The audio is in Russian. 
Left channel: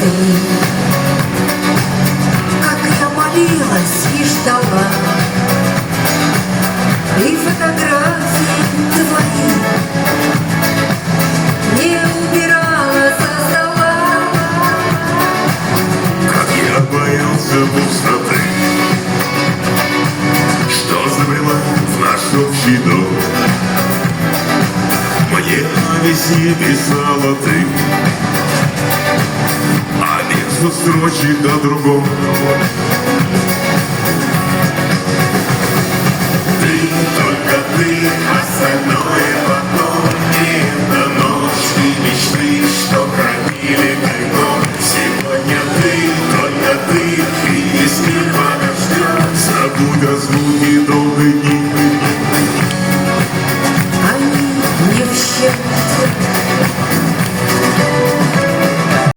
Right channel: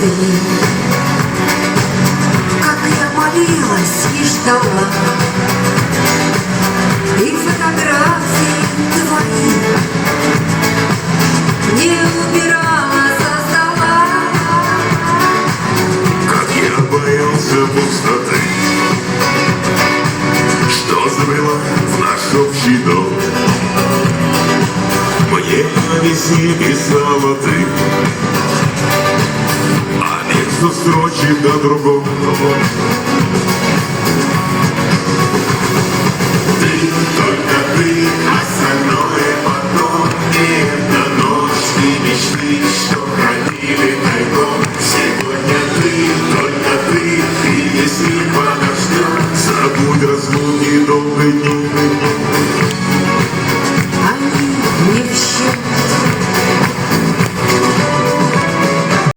дни, как я молилась и ждала, и фотографии твои не убирала со стола. Как я боялся пустоты, что забрела в наш общий дом. Мне на весне писала ты, а между строчек о другом.